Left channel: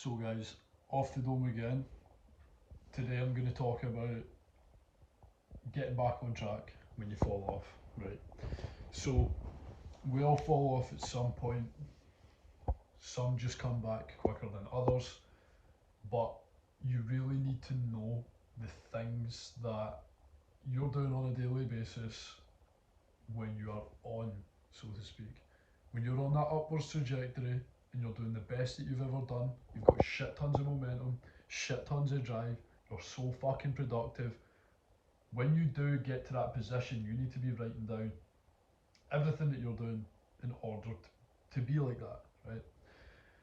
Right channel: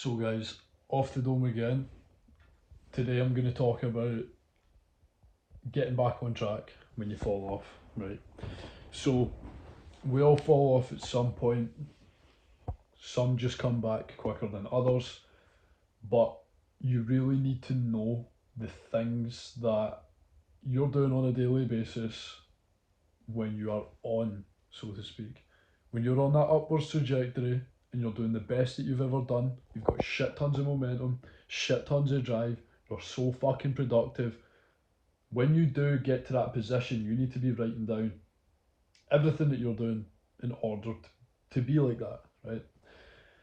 So guys, off the dome again. Today I'm going to talk about getting back on track when you fall off, right? So we all fall off at some point. Some just come back quicker than others, but you really need to know the things that you're doing on a daily basis when you are on, so to speak. When you're on that upwards trajectory and you're doing the best that you've ever done, you've got shit tons of momentum, shit tons of drive, you're so fucking productive. When you do get to that position, you need to be writing down everything that you're doing in order to be like that, right?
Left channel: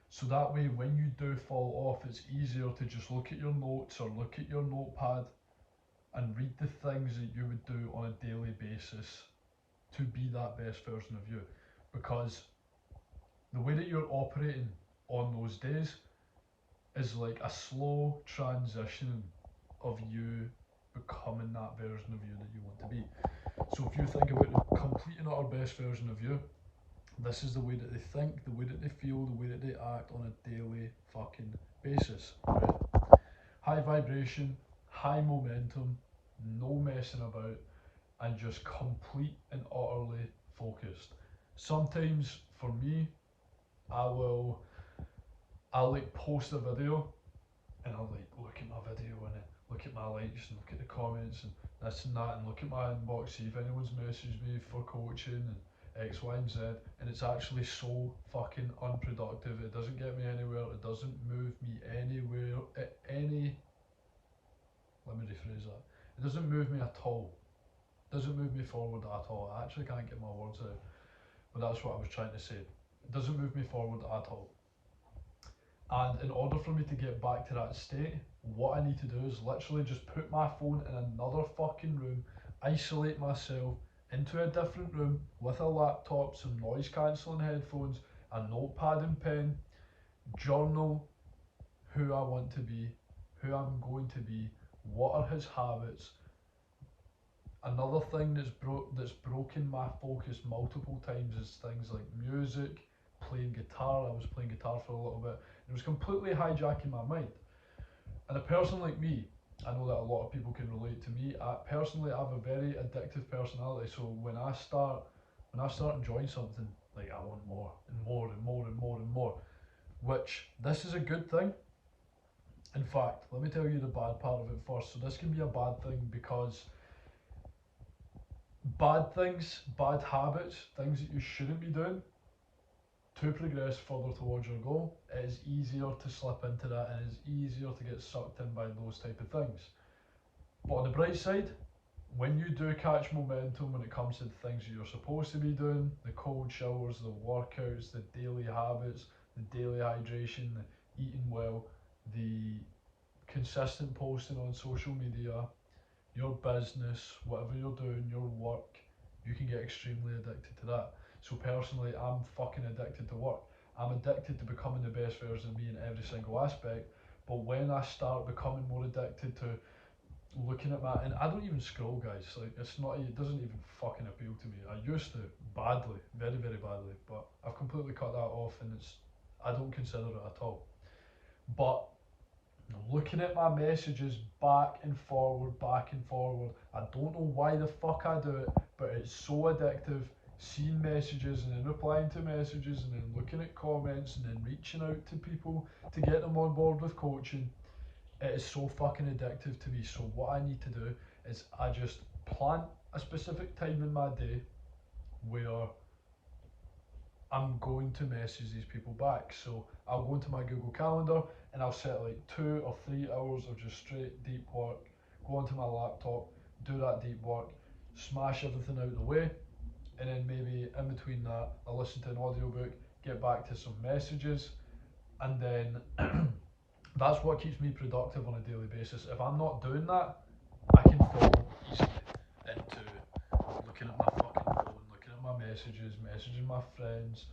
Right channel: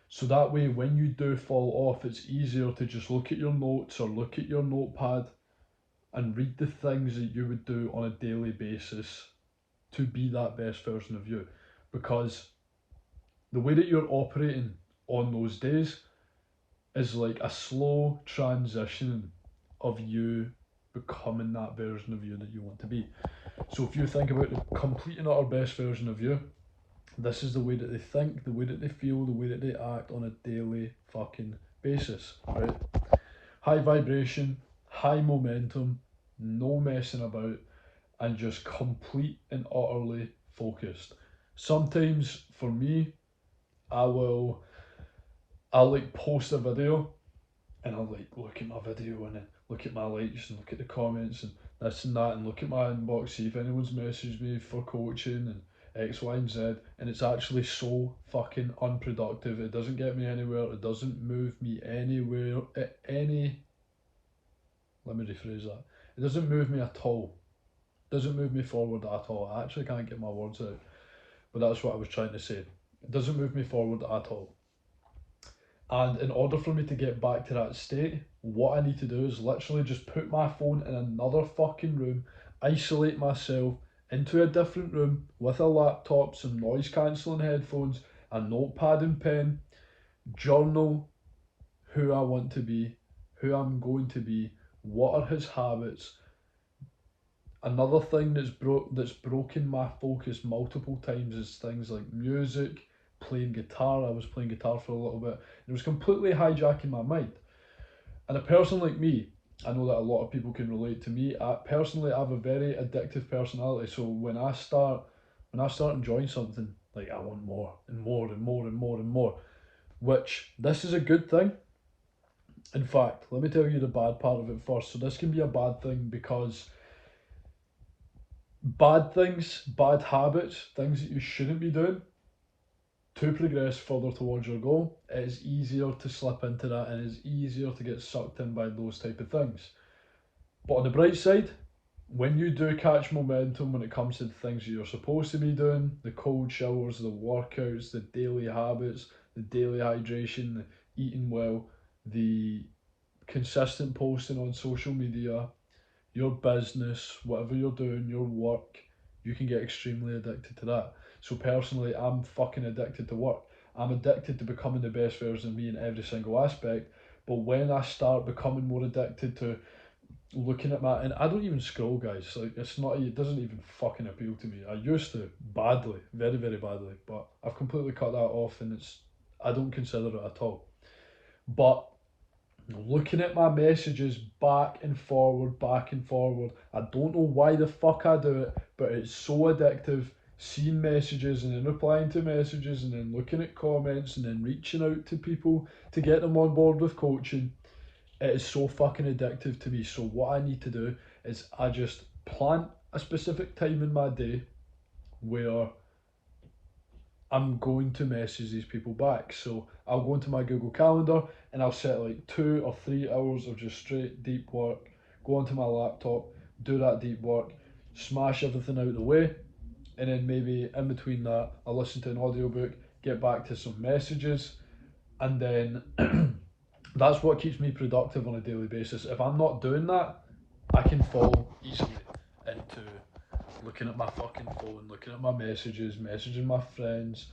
So that way, when you do fall off, it's easier to just look at your notes or look at your notepad and read the things that you would do on a daily basis to be that best version of you. Because the way that you're operating on those days is like a slow transition of you becoming that version of you that you want to be. So if you think about the complete and utter best version of you, this is the way that they think, the way that they feel, the way that they act on a daily fucking basis, right? High vibration, high momentum, no messing about, and just complete and utterly focused. Sometimes for me, I'll like post a video and I'll like look at my video and then look at my likes and look at the comments and this and that and look at my inbox, see if anyone's messaged me for coaching and X, Y, and Z, and it's actually so fucking unproductive. It doesn't get me anywhere. It doesn't move me anywhere. Let me rephrase that. It doesn't move me at all. It doesn't move me forward at all. I actually can't get my words out, but that's what I was trying to say. It doesn't move me forward at all. And in order for me to get back to that state, what I need to do is literally just put my phone in another fucking room, isolate myself into a different room with a laptop, some noise cancelling headphones, a notepad and pen, journal who I want to be, who I'm going to be, what are his habits. Another thing that's broken my focus multiple times is things like music, playing guitar. I was playing guitar for a little bit. It was completely hijacking my mind. And a person like me, I know that a lot of people can relate to me. Personally, I have a very addictive personality. So when I start enjoying something, like I want more and more and more and more and more. Which this is a good thing. In fact, let me tell you the bad part of it first. So this can be a bad thing because bad things, bad habits, things that you shouldn't be doing to progress further towards your goal, it is easier to slip into that and it's easier to get sucked in by those type of things. But on the bright side, when you do catch momentum when it comes to the things that you're supposed to be doing, the cold showers, the workouts, the daily habits, the daily hydration, the eating well, the consistent posting on social media, your business, whatever you're doing, your work, you can get extremely addicted to that. So personally, I'm fucking addicted to work. I'm addicted to becoming the best version of me in every single aspect. But when I start becoming more addicted to looking at my, and I don't even scroll, guys. Like it doesn't even fucking appeal to me. I used to badly, very very badly, but I've completely cut that off, and I don't consider it at all. But looking at my messages back and forward. I don't know why the fuck I do it, but it's so addictive. Seeing messages and then replying to messages and then looking at comments and then reaching out to people to get them on board with coaching. It is so fucking addictive to me. So what I need to do is I just plan a specific time in my day where I'm going to message these people back. So I'll go into my Google Calendar and I'll set like 2 or 3 hours of just straight deep work, go onto my laptop, do that deep work, smash everything out of the way, and then maybe in between that, I'll listen to an audiobook, get back to some messages, and then that's what keeps me productive on a daily basis. If I'm not doing that, I can fall easily into looking at my fucking phone, looking at my messages, messaging my friends,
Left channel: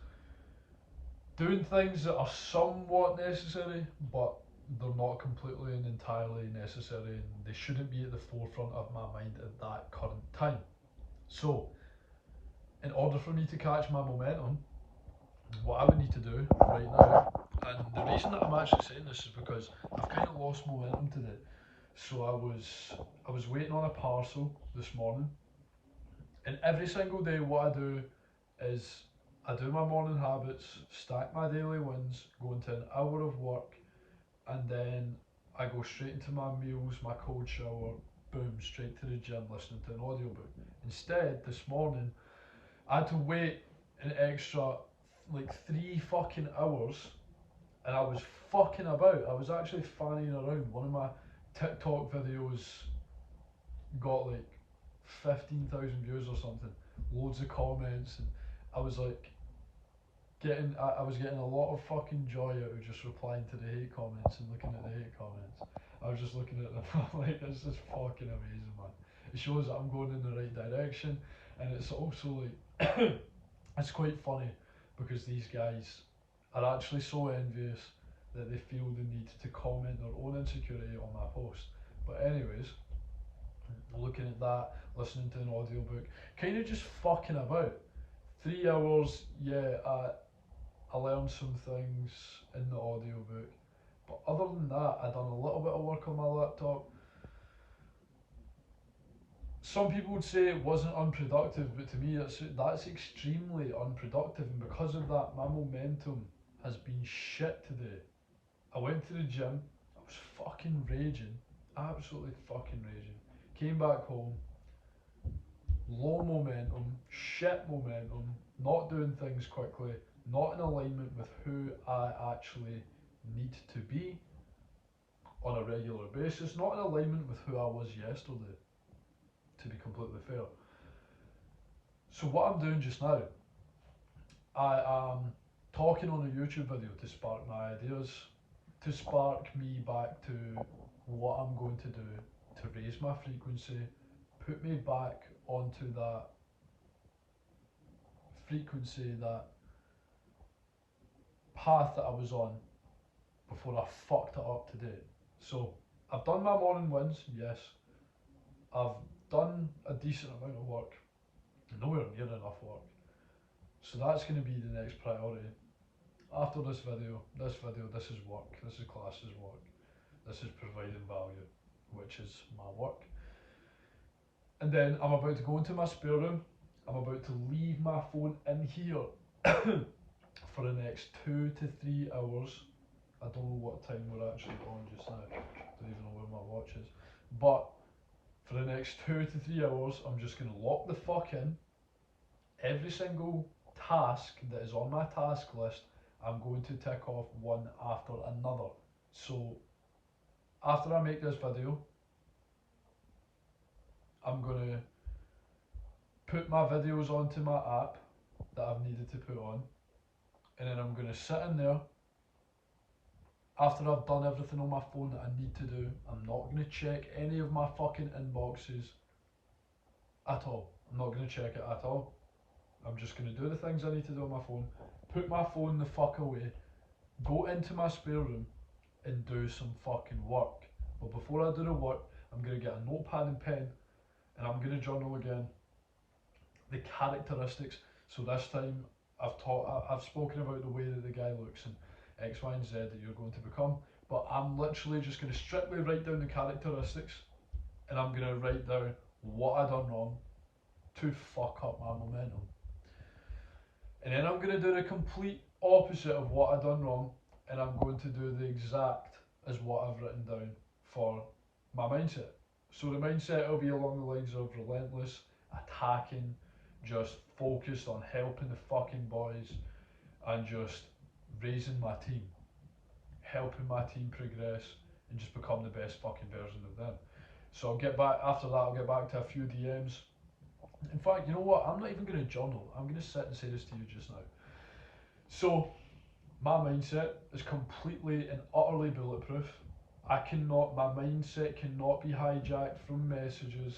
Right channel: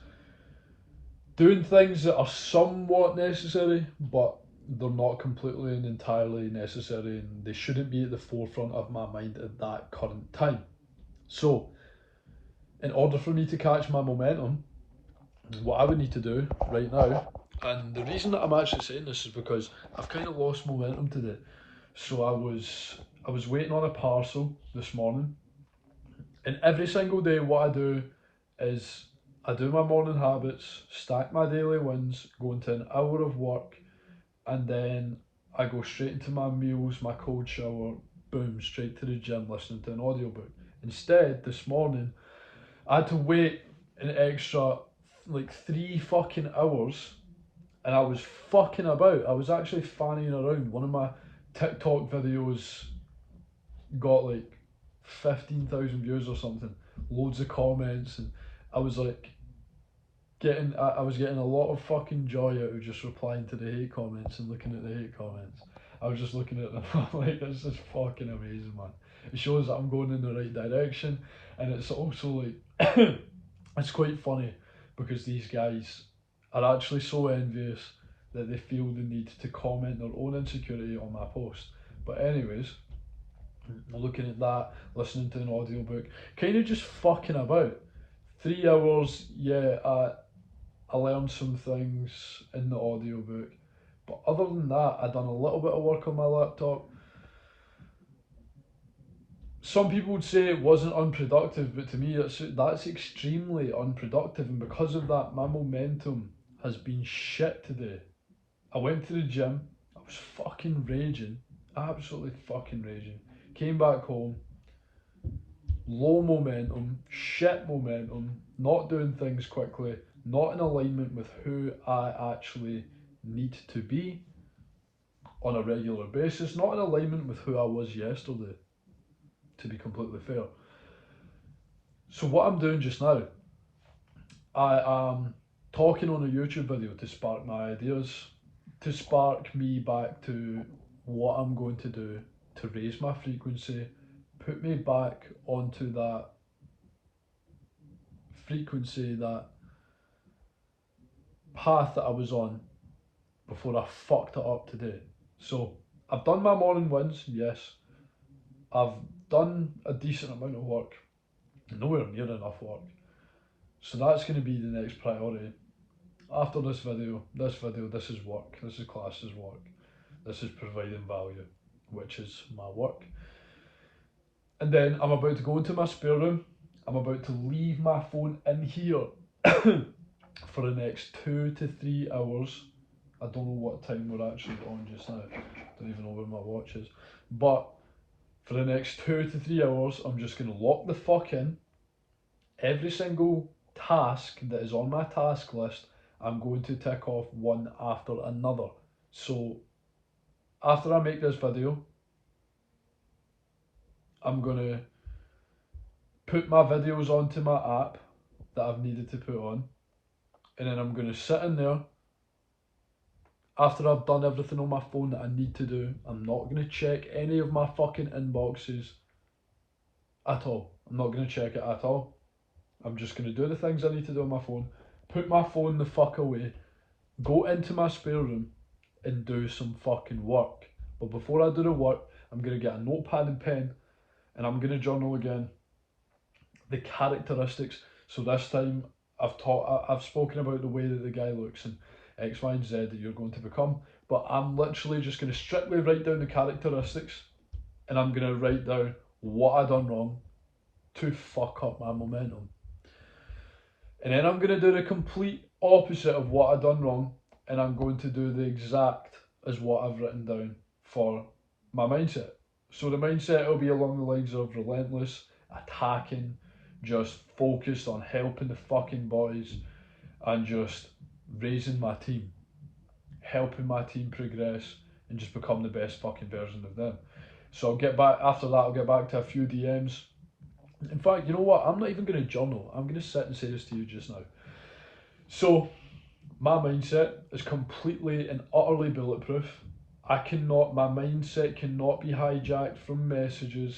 doing things that are somewhat necessary, but they're not completely and entirely necessary, and they shouldn't be at the forefront of my mind at that current time. So, in order for me to catch my momentum, what I would need to do right now, And the reason that I'm actually saying this is because I've kind of lost momentum today. So I was waiting on a parcel this morning, and every single day what I do is I do my morning habits, stack my daily wins, go into an hour of work, and then I go straight into my meals, my cold shower, boom, straight to the gym listening to an audiobook. Instead, this morning, I had to wait an extra like 3 fucking hours, and I was fucking about. I was actually fanning around. One of my TikTok videos got like 15,000 views or something, loads of comments, and I was like I was getting a lot of fucking joy out of just replying to the hate comments and looking at the hate comments. I was just looking at them like, this is fucking amazing, man. It shows that I'm going in the right direction, and it's also like it's quite funny because these guys are actually so envious that they feel the need to comment their own insecurity on my post. But anyways, looking at that, listening to an audiobook, kind of just fucking about. 3 hours, yeah, I learned some things in the audiobook. But other than that, I done a little bit of work on my laptop. Some people would say it wasn't unproductive, but to me, that's extremely unproductive. And because of that, my momentum has been shit today. I went to the gym. I was fucking raging, absolutely fucking raging. Came back home, low momentum, shit momentum, not doing things quickly, not in alignment with who I actually need to be on a regular basis, not in alignment with who I was yesterday, to be completely fair. So, what I'm doing just now, I am talking on a YouTube video to spark my ideas, to spark me back to what I'm going to do to raise my frequency, put me back onto that frequency, that path that I was on before I fucked it up today. So I've done my morning wins, yes. I've done a decent amount of work, nowhere near enough work. So that's going to be the next priority. After this video, this is work. This is class as work. This is providing value, which is my work. And then I'm about to go into my spare room. I'm about to leave my phone in here for the next 2 to 3 hours. I don't know what time we're actually on just now. Don't even know where my watch is. But for the next 2 to 3 hours, I'm just going to lock the fuck in. Every single task that is on my task list, I'm going to tick off one after another. So after I make this video, I'm going to put my videos onto my app that I've needed to put on, and then I'm going to sit in there. After I've done everything on my phone that I need to do, I'm not going to check any of my fucking inboxes at all. I'm not going to check it at all. I'm just going to do the things I need to do on my phone, put my phone the fuck away, go into my spare room and do some fucking work. But before I do the work, I'm going to get a notepad and pen, and I'm going to journal again the characteristics. So this time I've spoken about the way that the guy looks and X, Y, and Z that you're going to become. But I'm literally just going to strictly write down the characteristics, and I'm going to write down what I done wrong to fuck up my momentum. And then I'm going to do the complete opposite of what I done wrong, and I'm going to do the exact as what I've written down for my mindset. So the mindset will be along the lines of relentless, attacking, just focused on helping the fucking boys and just raising my team, helping my team progress and just become the best fucking version of them. So I'll get back after that. I'll get back to a few DMs. In fact, you know what? I'm not even going to journal. I'm going to sit and say this to you just now. So my mindset is completely and utterly bulletproof. My mindset cannot be hijacked from messages.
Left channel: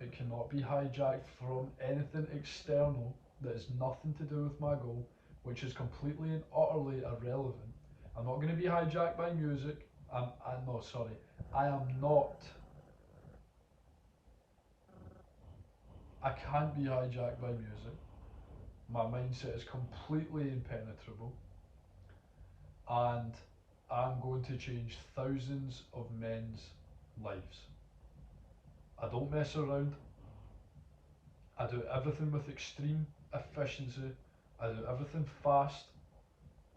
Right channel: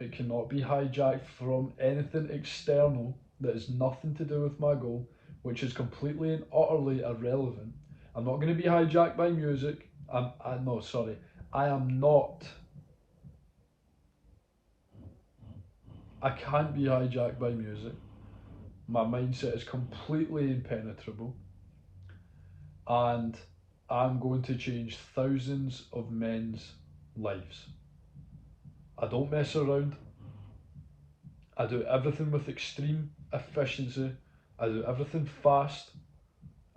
It cannot be hijacked from anything external that has nothing to do with my goal, which is completely and utterly irrelevant. I'm not going to be hijacked by music. I am not. I can't be hijacked by music. My mindset is completely impenetrable. and I'm going to change thousands of men's lives. I don't mess around. I do everything with extreme efficiency. I do everything fast.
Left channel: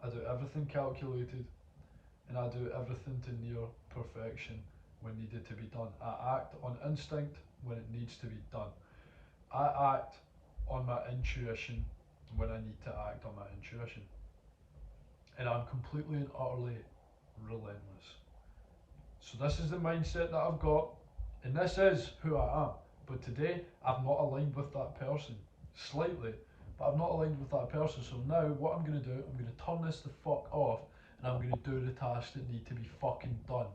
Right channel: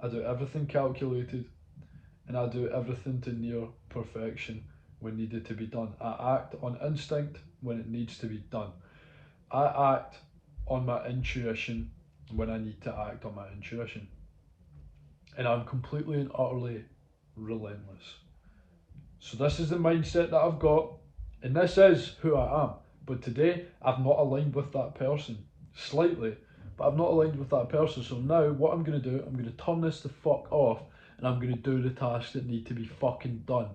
I do everything calculated. And I do everything to near perfection when needed to be done. I act on instinct when it needs to be done. I act on my intuition when I need to act on my intuition. And I'm completely and utterly relentless. So this is the mindset that I've got, and this is who I am. But today I've not aligned with that person. Slightly, but I've not aligned with that person. So now what I'm gonna do, I'm gonna turn this the fuck off and I'm gonna do the tasks that need to be fucking done.